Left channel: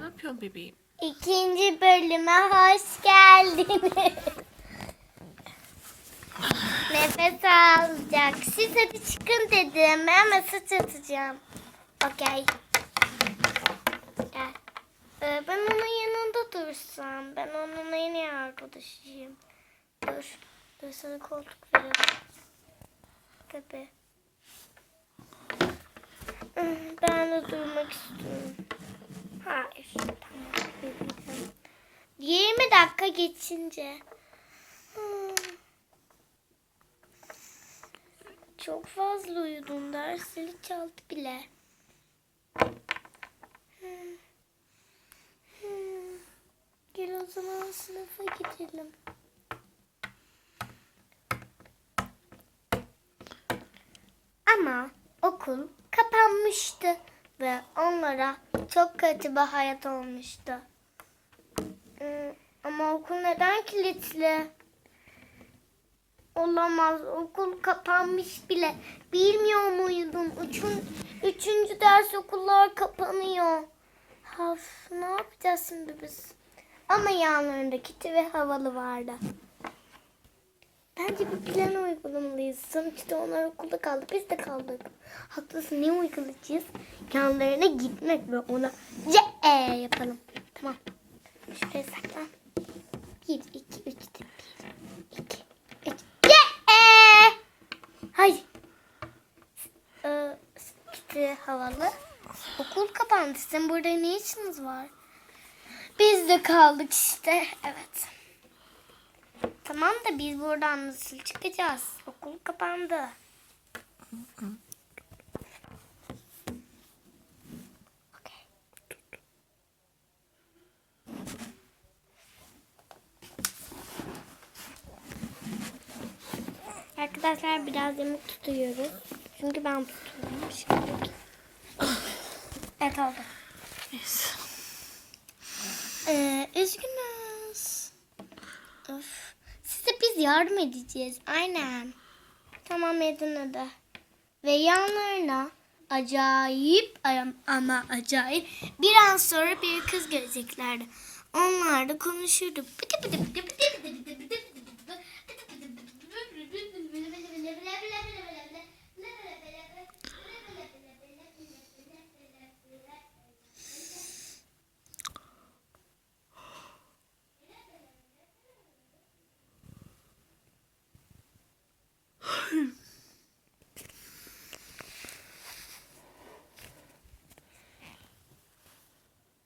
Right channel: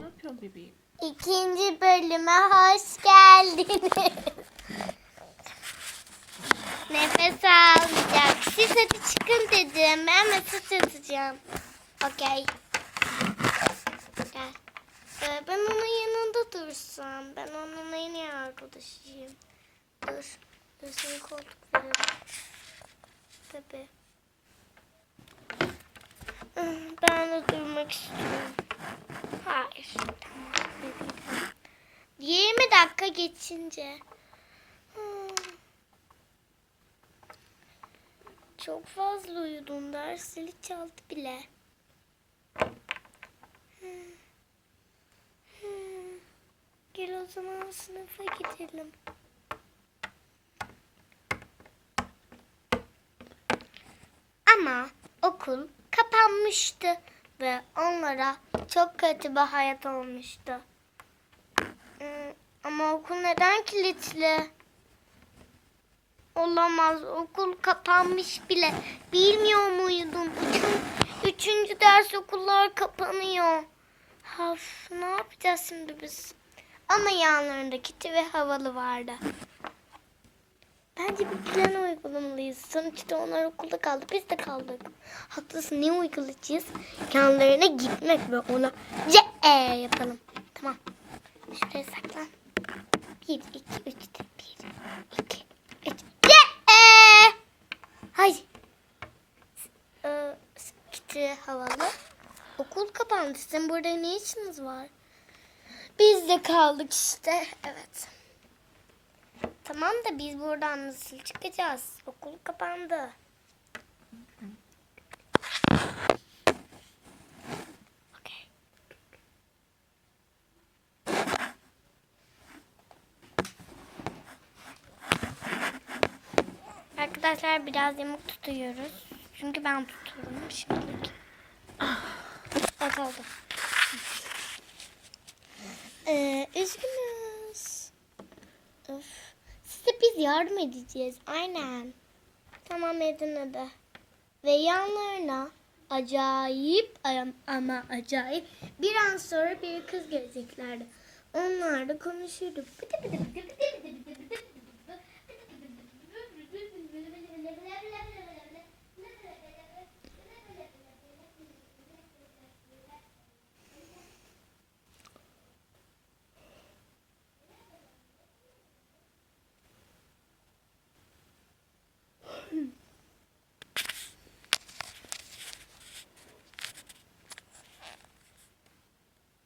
Ne yapıyorsun bebeğim? İkinci bölüme hoş geldiniz. Nefes alacak. Siz hadi çıkın dedim. Ben mesaj atacağım. Okey. Gel. Ee, ben onun yanında dursam. Ben onun en iyi arkadaşıyım. Dur. Dur sana koltuk verelim. Tabii. Hmm, Ben de durmak istiyorum. Hayır. Tamam. 20 dakika geçince. Çok fazla uyudum. Ders zili çaldı bile. Gel o zaman sınıfa gidelim. Ama okul kapanmıştı ve onlara çok kötü bir hayat olmuştu. Hmm, Ama okul neden kilitli? Olamaz. Okul kapanmış bile. Bilmiyor muydun? Üçün, üçüncü ders okullar kapanıyor. Of, ne yapacağız şimdi biz? Ama yanlarında kiti ve havalı vardı. Bence bir plan uygulamalıyız. Sonuçta onlar okulda kaldı. Biz de kaldık. Haklısın. Ne uygulayacağız? Yanlarına gitmek ve ona C gitti havalı. Okul kapandı. Sizin burada ne işiniz var? Biz de kaldık işte. Evet. Tamam da biz buradan nasıl çıkacağız? Okul kapandı. Arkadaşlar biraz yamuk tutuyoruz. Çünkü ben tutuyorum. Şimdi. Evet oldu. Ee, üzgünüz. Of. Size biz yardım edeceğiz. Aynen. Tamam edin hadi. Ve yanlarına acayip am- ama acayip bir an sonra bir kız geleceklerdi. Onlar da konuşurdu. Bıdı bıdı bıdı bıdı bıdı